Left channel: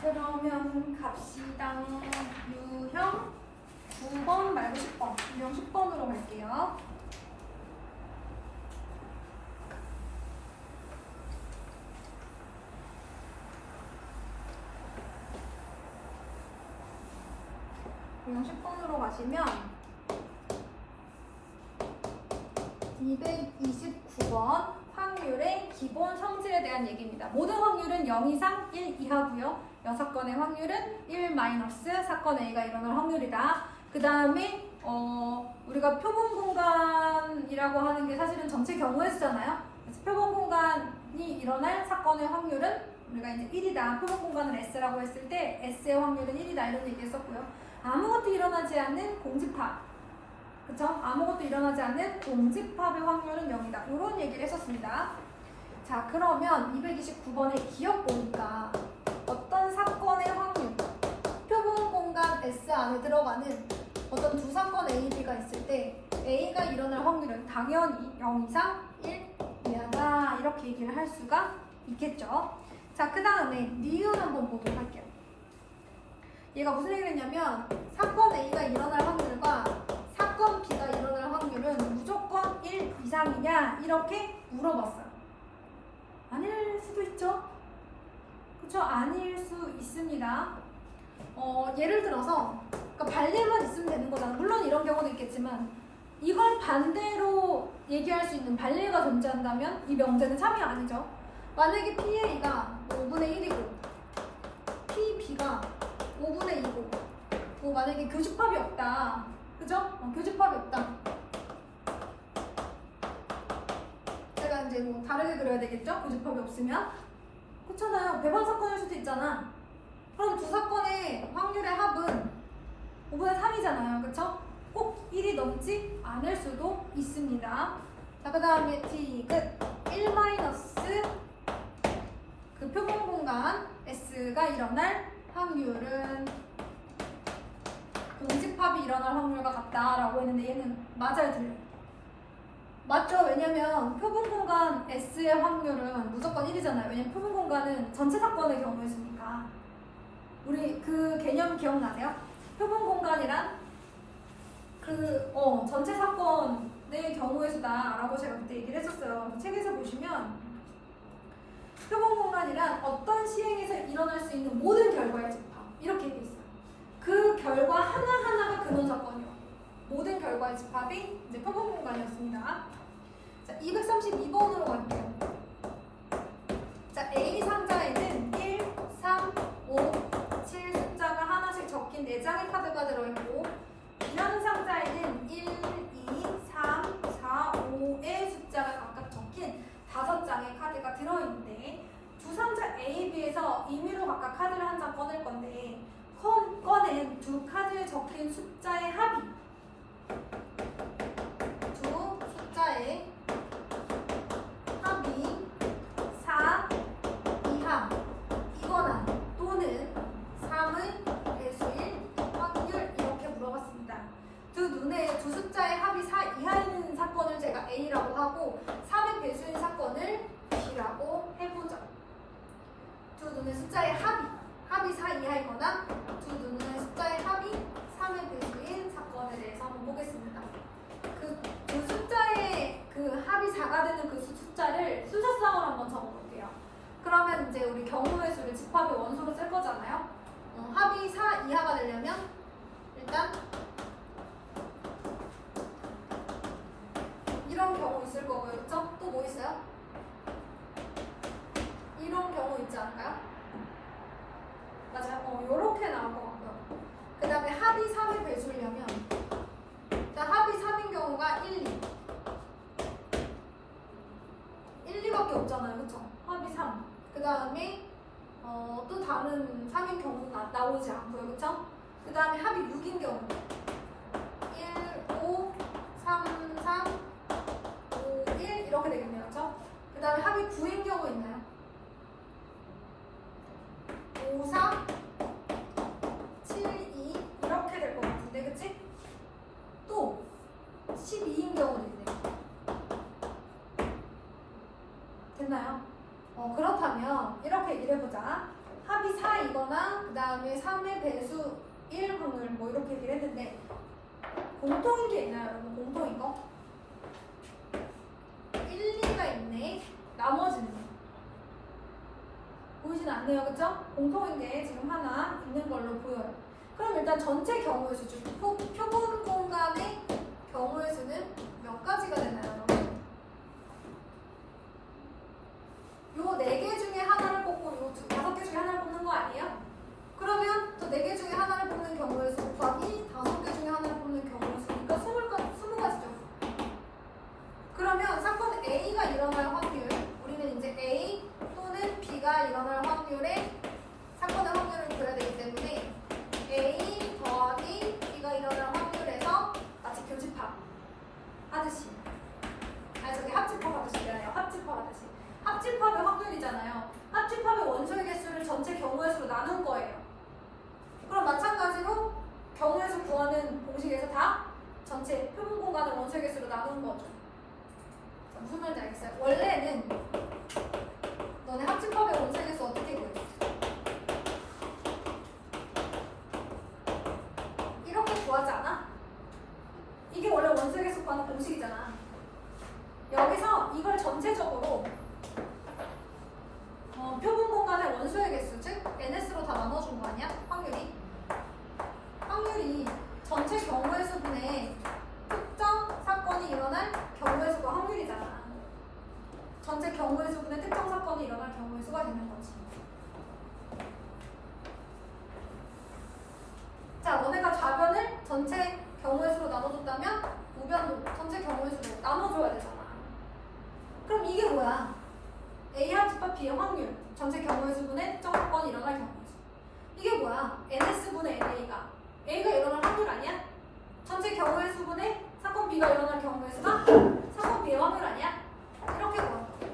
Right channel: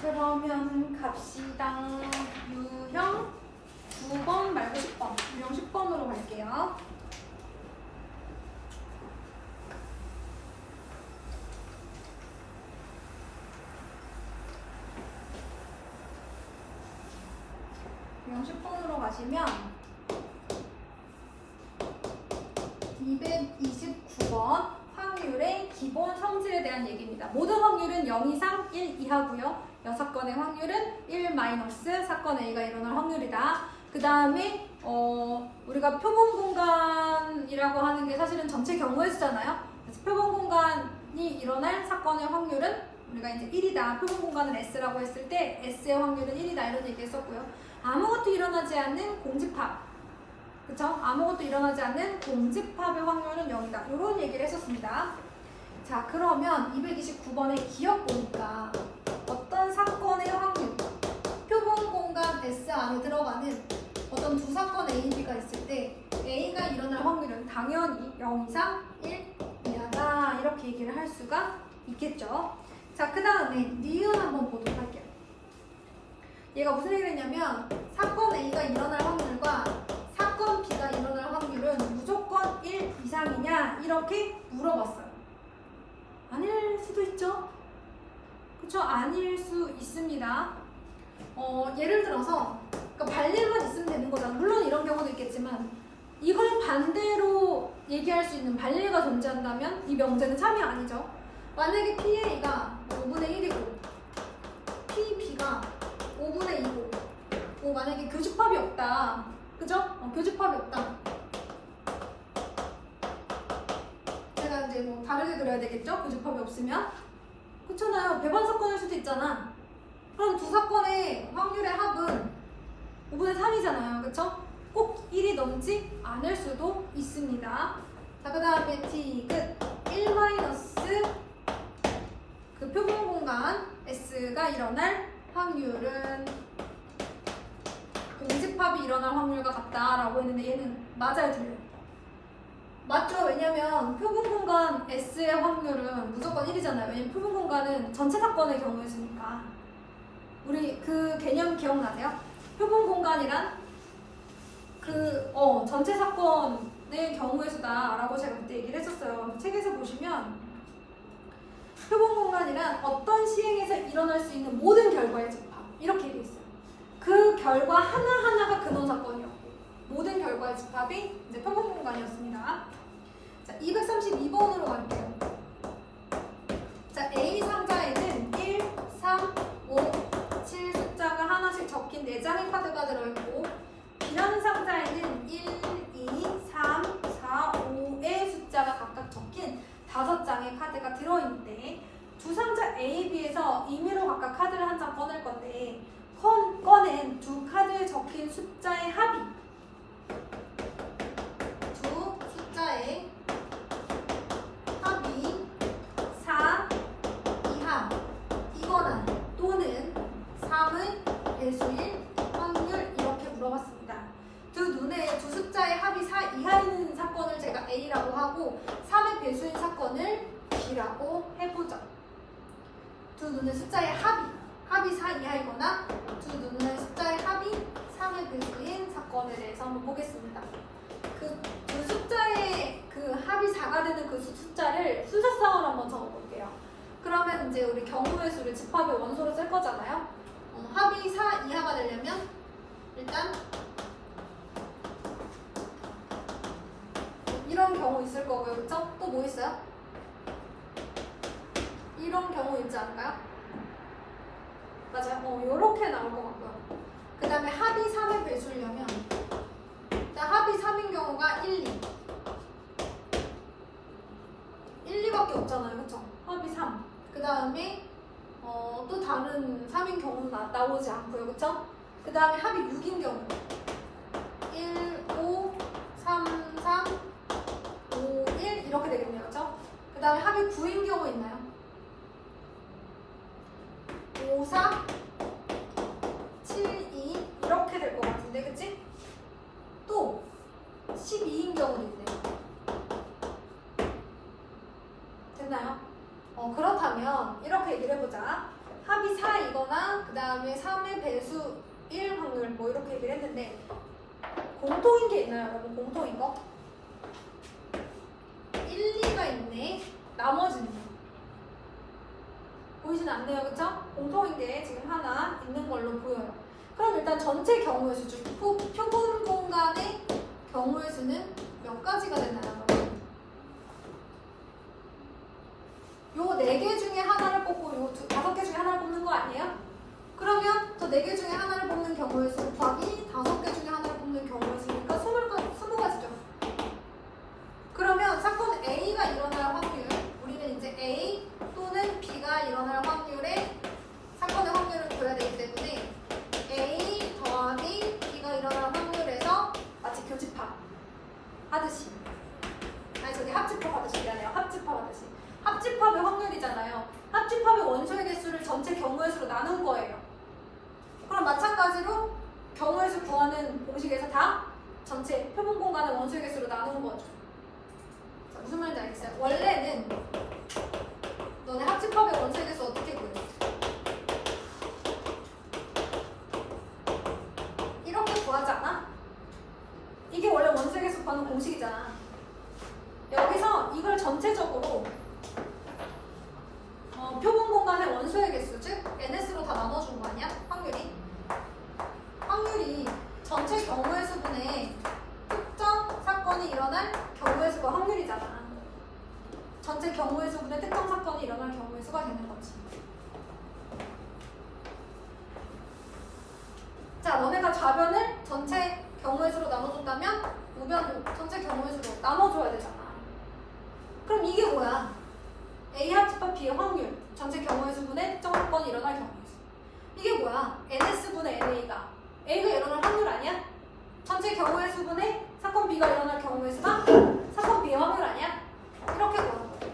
그러면 갑시다. 유형 9번 말고 10번. 유형 10번으로 갈게요. 유형 10번으로 가시면 229번 확률의 기본 성질에 대한 얘기입니다. 모든 확률은 0 이상 1 이하고요. 6건의 확률은 1 마이너스 사건 A가 일어날 확률이다. 그 다음에 우리가 표본 공간이라고 하는 게 사실은 전체 경우의 수잖아요. 그래서 표본 공간이 일어날 사건의 확률은 우리가 이제 1이다. 표본 공간을 S라고 했을 때 S의 확률은 1이다. 이런 얘기 했었고요. 아무것도 일어나지 않는 공집합. 그쵸? 아무것도 일어나지 않는 공집합의 확률은 0이다. 이런 얘기를 했었습니다. 자, 그러면 229번의 기억 보니까 어떤 사건의 확률, 표본 공간 S 안에 들어가는 어떤 두 사건 A, B가 있을 때 A가 일어날 확률은 당연히 0 이상 1 이하다. 이렇게 얘기를 할 수가 있겠죠. 자, 그 다음에 니은 한번 보도록 할게요. 얘가 무슨 얘기를 했냐면 사건 A가 일어날 확률과 사건 B가 일어날 확률은 무조건 1 이상이냐 이렇게 물어봤어요. 아닐 수도 있죠. 그쵸? 아닐 수 있습니다. 예를 들어서 그러니까 반례만 있으면 되는 거잖아. 물론 이런 경우도 있겠지만 이걸 반대로 얘기할 수 있는 반례가 존재한다면 이 명제는 참이 아니죠. 만약에 PA가 5분의 1이고 PB가 5분의 2고 만약에 교집합이 없다. 그죠? 교집합이 없다. 제가 이제 뭐 다르게 그려야 되겠죠? 교집합이 없으면. 그렇잖아요. 배반 사건일 수도 있잖아. 그럼 두 사건의 확률의 합은 5분의 3이잖아요. 그쵸? 꼭 1이 넘지 않을 수도 있습니다. 자, 그 다음에 디귿 1 마이너스 그 표본 공간 S가 일어날 확률은 공집합이 일어날 확률과 같다라고 했는데 얘는 맞아요, 틀려요? 맞죠? 왜냐면 표본 공간 S의 확률은 무조건 1이잖아요. 왜냐면 표본 공간은 전체 사건의 경우였으니까. 우리 그 개념 기억나세요? 표본 공간이란 전체 사건의 경우의 수다라고 제가 그때 얘기를 했었어요. 책에서 보시면 표본 공간이란 어떤 시행에서 일어날 수 있는 모든 결과의 집합 이렇게 되어 있어요. 그 결과 하나하나가 근원 사건이었고 모든 결과의 집합이 이제 표본 공간이었습니다. 자, 232번으로 갈게요. 자, A 상자에는 1, 3, 5, 7 숫자가 하나씩 적힌 4장의 카드가 들어있고 B라는 상자에는 1, 2, 3, 4, 5의 숫자가 각각 적힌 5장의 카드가 들어있는데 두 상자 A, B에서 임의로 각각 카드를 한 장 꺼낼 건데 꺼낸 두 카드에 적힌 숫자의 합이 두 숫자의 합이 4 이하 이거나 또는 3의 배수일 확률 이렇게 물어봤습니다. 두 숫자의 합이 4 이하인 사건을 제가 A라고 하고 3의 배수인 사건을 B라고 해보죠. 두 눈의 숫자의 합이 4 이하이거나 두 눈의 숫자의 합이 3의 배수인 사건에 대해서 한번 보겠습니다. 그 숫자의 그 합이 4가 되는 그 숫자를 순서상으로 한번 적어볼게요. 그러면 이제 우리 경우의 수를 집합의 원소로 쓸 거잖아요. 합이 4 이하가 되려면 일단 이런 경우 있을 거고요. 그쵸? 또 뭐 있어요? 이런 경우 있지 않을까요? 맞아요. 요렇게 나올 것 같고요. 그 다음에 합이 3의 배수려면 일단 합이 3인 경우가 1, 2 1, 2밖에 없잖아요. 그쵸? 합이 3. 그 다음에 또 다른 3인 경우는 나오지 않고요. 그쵸? 그 다음에 합이 6인 경우 1, 5, 3, 3, 5, 1 이렇게 되겠네요. 그쵸? 그 다음에 합이 9인 경우 있나요? 5, 4, 7, 2 이렇게 될 것 같은데 그치? 또 12인 경우도 있네요. 됐나요? 그렇다면 이렇게 얘기를 해보자. 합이 4이거나 그 다음에 3의 배수 1 확률 뭐 이렇게 얘기를 했는데 공통인 게 있나요, 여러분? 공통인 거? 1, 2가 있네. 나머지는 보이진 않네요, 그쵸? 공통인 게 지금 하나 있는 걸로 보여요. 그럼 일단 전체 경우의 수 중 표본 공간의 경우의 수는 몇 가지가 되나요? 요 4개 중에 하나를 뽑고 요 5개 중에 하나를 뽑는 거 아니에요? 그러면 저 4개 중에 하나를 뽑는 경우의 수 곱하기 5개 중에 하나를 뽑는 경우의 수니까 20가지죠. 그러면 사건 A가 일어날 확률, 우리는 이제 A 또는 B가 일어날 확률에 사건의 확률을 구해야 되기 때문에 A 더하기 B가 일어날 확률에서 마치 교집합 하듯이, 아니 저기 합집합 하듯이, 미안해요. 합집합 하듯이. 합집합의 확률이잖아요. 합집합의 원소의 개수를 전체 경우의 수로 나눈 거예요. 그럼 마찬가지로 경우의 수 구하는 공식에서 다 전체 표본 공간의 원소의 개수로 나눈 거죠. 자, 무슨 말인지 알겠어요? 원래는 너네 합집합의 원소의 개수 어떻게 구했어? 이렇게 구하지 않아? 이게 원래 원소의 개수 구하는 공식이잖아. 여기서 이걸 전체적으로 표본 공간의 원소의 개수, 즉 NS로 다 나눠준 거 아니야? 확률이 전체 경우의 수분의 특정 사건이 일어날 경우의 수가 확률이잖아. 전체 경우의 수분의 특정 사건이 일어날 경우의 수가 되는 거지. 자, 너네가 좌변을 전체 경우의 수로 나눠줬다면 우변도 전체 경우의 수로 나눠줘야 되잖아. 그럼 이게 뭐야? A 합집합 B의 확률, 전체 경우의 수분의 특정 사건이 일어날 경우의 수. 이게 뭐야? NS분의 NA가 A가 일어날 확률 아니야? 전체 경우의 수분의 사건 B가 일어날 경우의 수가 사건 B의 확률 아니야? 이렇게 구하는 거예요.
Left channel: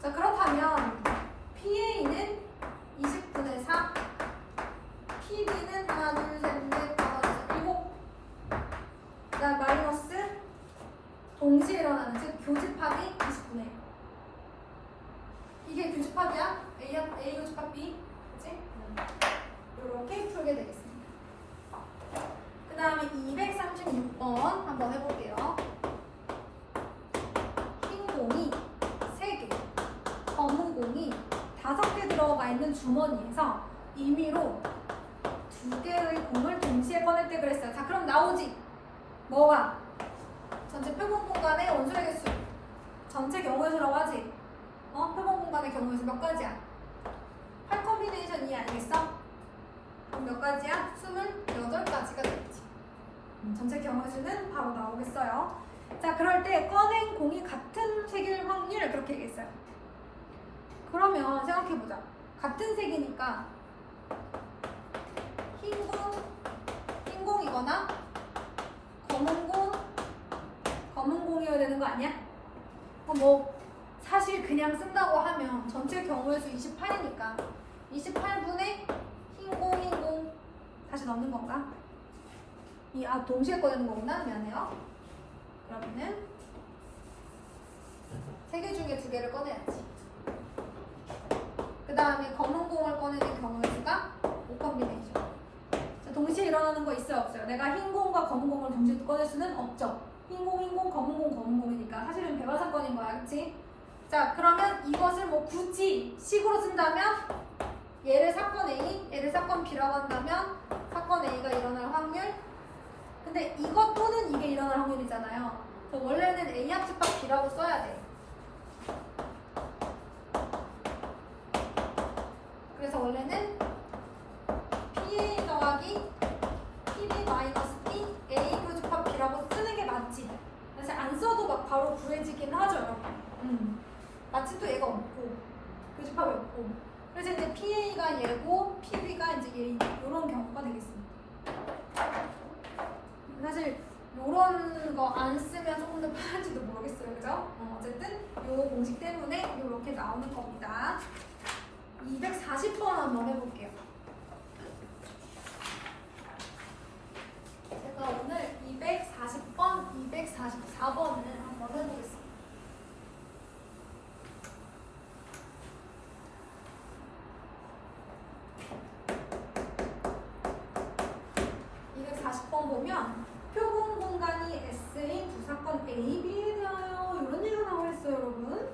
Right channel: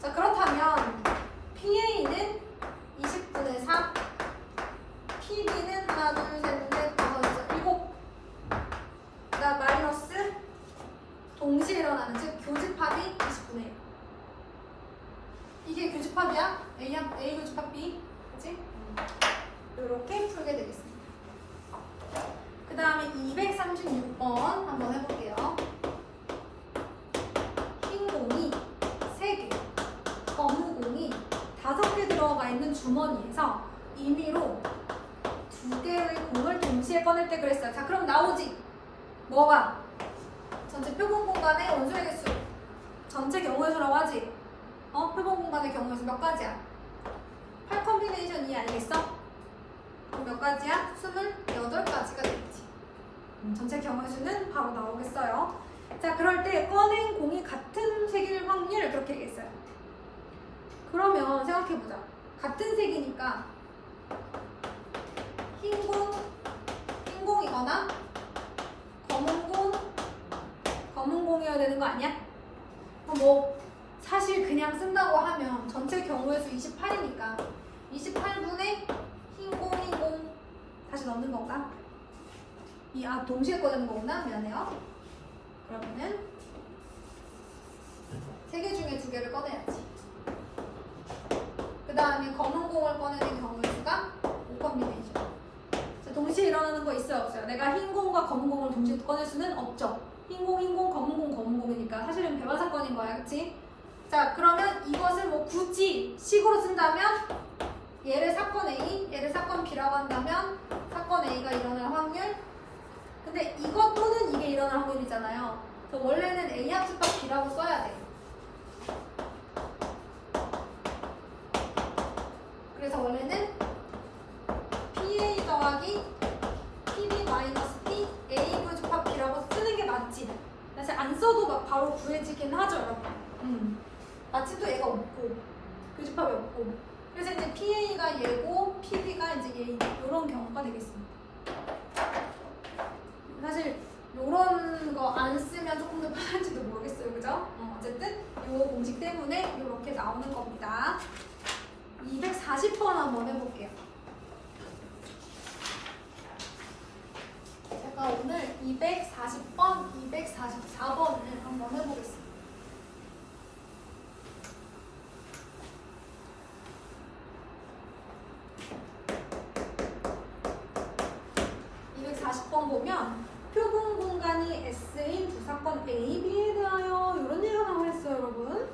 자, 그렇다면 PA는 20분의 4, PB는 하나, 둘, 셋, 넷, 다섯, 여섯, 일곱. 그다음 마이너스 동시에 일어나는, 즉 교집합이 20분의 1. 이게 교집합이야? A 교집합 B, 그치? 이렇게 풀게 되겠습니다. 그 다음에 236번 한번 해볼게요. 흰 공이 3개, 검은 공이 5개 들어가 있는 주머니에서 임의로 2개의 공을 동시에 꺼낼 때 그랬어요. 자, 그럼 나오지? 뭐가? 전체 표본 공간의 원소의 개수, 전체 경우의 수라고 하지? 표본 공간의 경우의 수 몇 가지야? 8 컴비네이션 2 아니겠어? 그럼 몇 가지야? 28가지가 되겠지. 전체 경우의 수는 바로 나오겠어요. 자, 그럴 때 꺼낸 공이 같은 색일 확률 그렇게 얘기했어요. 그러면 생각해보자. 같은 색이니까 흰 공이거나 검은 공이어야 되는 거 아니야? 뭐 사실 그냥 쓴다고 하면 전체 경우의 수 28이니까 28분의 흰 공 다시 넣는 건가? 동시에 꺼내는 거구나. 미안해요. 그러면은 3개 중에 2개를 꺼내야지. 그 다음에 검은 공을 꺼내는 경우의 수가 5컴비네이션. 자, 동시에 일어나는 거 있어요, 없어요? 내가 흰 공과 검은 공을 동시에 꺼낼 수는 없죠. 흰 공, 검은 공이니까 사실은 배반 사건인 거야, 그치? 자, 그러면 이것을 뭐 굳이 식으로 쓴다면 얘를 사건 A, 얘를 사건 B라고 한다면 사건 A가 일어날 확률. 근데 이것 또는 이게 일어날 확률이잖아요. 그래서 원래는 A 합집합 B라고 써야 돼. 그래서 원래는 PA 더하기 PB 마이너스 P A 교집합 B라고 쓰는 게 맞지. 사실 안 써도 막 바로 구해지긴 하죠, 여러분. 마치 또 얘가 없고 교집합이 없고. 그래서 이제 PA가 얘고 PB가 이제 얘, 이런 경우가 되겠습니다. 사실 이런 거 안 쓰면 조금 더 편할지도 모르겠어요, 그죠? 어쨌든 이 공식 때문에 이렇게 나오는 겁니다. 240번 한번 해볼게요. 제가 오늘 240번, 244번을 한번 해보겠습니다. 보면 표본 공간이 S인 두 사건 A, B에 대하여 이런 얘기가 나와있어요, 여러분.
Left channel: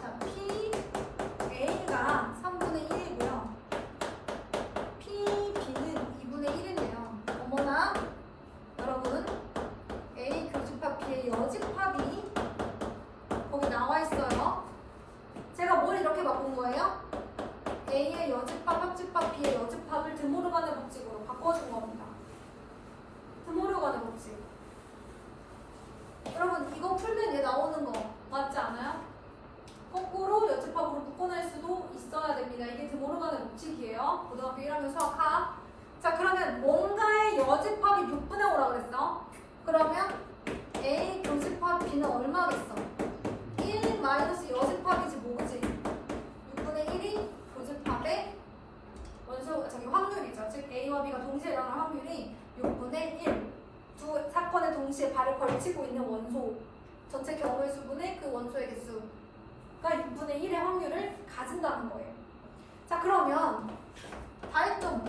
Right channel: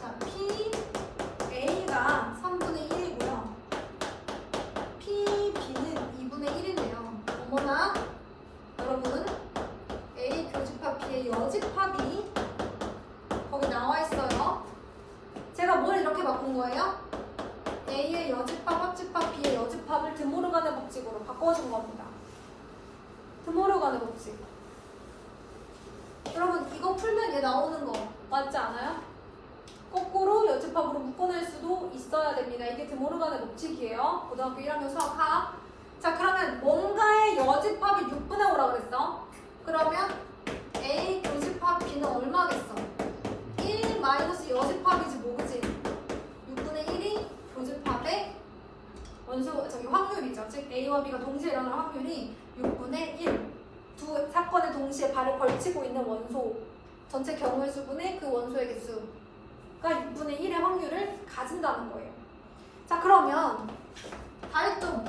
자, P, A가 3분의 1이고요. P, B는 2분의 1인데요. 어머나, 여러분, A 교집합 B의 여집합이 거기 나와 있어요. 제가 뭘 이렇게 바꾼 거예요? A의 여집합, 합집합, B의 여집합을 드모르간의 법칙으로 바꿔준 겁니다. 드모르간의 법칙. 여러분, 이거 풀면 얘 나오는 거 맞지 않아요? 거꾸로 여집합으로 묶어낼 수도 있어야 됩니다. 이게 드모르간의 법칙이에요. 고등학교 1학년 수학 하. 자, 그러면 뭔가의 여집합이 6분의 5라고 그랬어. 그러면 A 교집합 B는 얼마겠어? 1 마이너스 여집합이지 뭐지? 6분의 1이 교집합의 원소, 저기 확률이죠. 즉 A와 B가 동시에 일어날 확률이 6분의 1. 두 사건에 동시에 발을 걸치고 있는 원소 전체 경우의 수분의 그 원소의 개수가 6분의 1의 확률을 가진다는 거예요. 자, 그러면 다 했죠?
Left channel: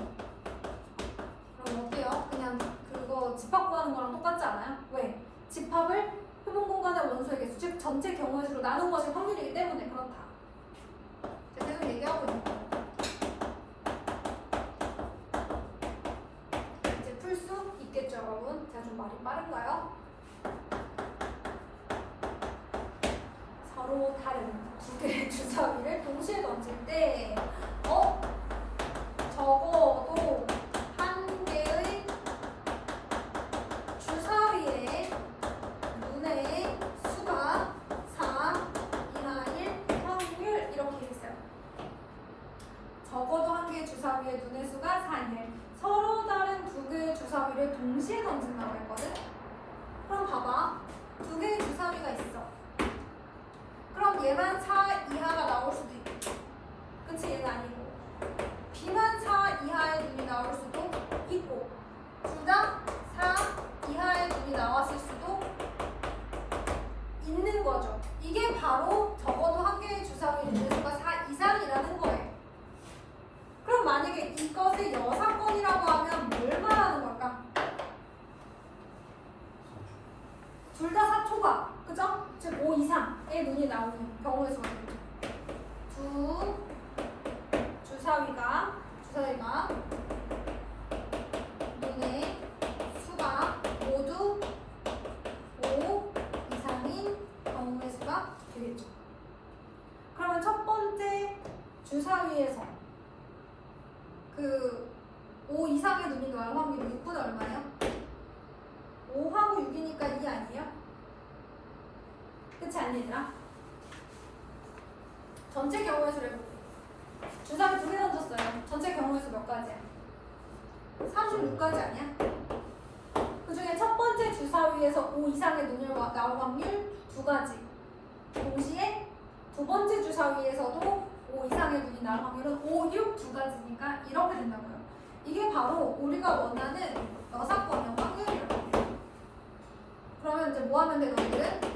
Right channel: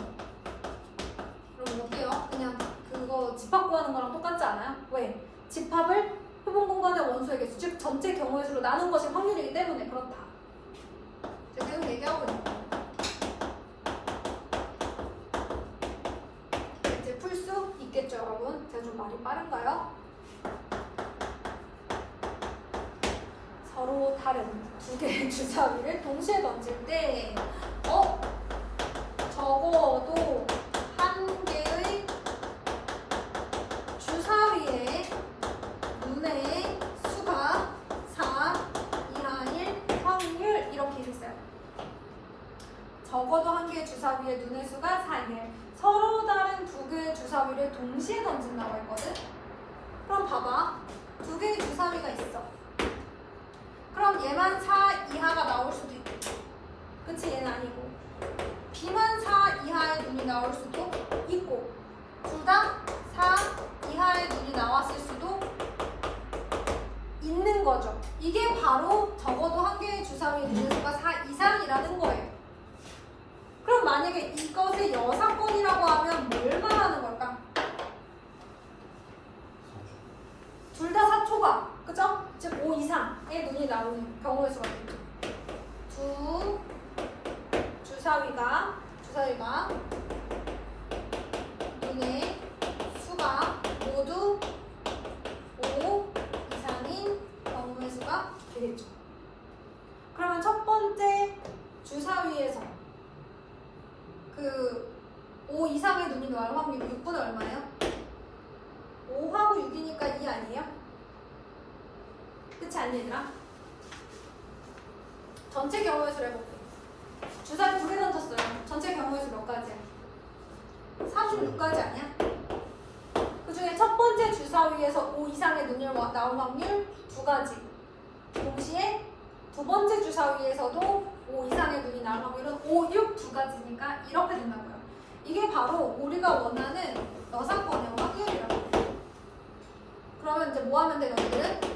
그럼 어때요? 그냥 그거 집합 구하는 거랑 똑같지 않아요? 왜? 집합을 표본 공간의 원소의 개수, 즉 전체 경우의 수로 나눈 것이 확률이기 때문에 그렇다. 제가 계속 얘기하고 있는 거예요. 이제 풀 수 있겠죠, 여러분? 제가 좀 말이 빠른가요? 서로 다른 두 개의 주사위를 동시에 던질 때 적어도 한 개의 주사위의 눈의 수가 4 이하일 확률 이렇게 있어요. 적어도 한 개의 주사위의 눈의 수가 4 이하일. 서로 다른 두 개의 주사위를 동시에 던진다고 했거든. 그럼 봐봐. 두 개의 주사위가 있어. 그럼 얘만 4 이하가 나올 수도 있고, 그치? 얘는 아니고 B만 4 이하의 눈이 나올 수도 있고, 둘 다 4 이하의 눈이 나왔을 수도 있는 거죠. 이게 바로 적어도 한 개의 주사위의 눈의 수가 4 이상이라는 거예요. 그럼 만약에 이것의 여사건이라고 하면 뭘 말하는 걸까? 둘 다 4초가, 그죠? 즉 5 이상의 눈이 나오는 경우의 수가 되죠. 두 주사위가 눈의 수가 모두 5 이상인 경우의 수가 되겠죠. 그러면 첫 번째 주사위에서 그 5 이상의 눈이 나올 확률이 6분의 얼마예요? 5하고 6이니까 2 아니에요? 그치 않니 얘들아? 전체 경우의 수를 해볼게. 주사위 2개 던졌어요. 전체 경우의 수 몇 가지야? 36가지 아니야? 그 중에 첫 번째 주사위에서 5 이상의 눈이 나올 확률 2가지. 동시에 두 번째 주사위에서도 5 이상의 눈이 나올 확률은 5, 6 2가지니까 이렇게 된다고요. 이게 바로 우리가 원하는 여사건의 확률이라고 해요. 그러면 이제 뭐 하면 돼, 너희들은?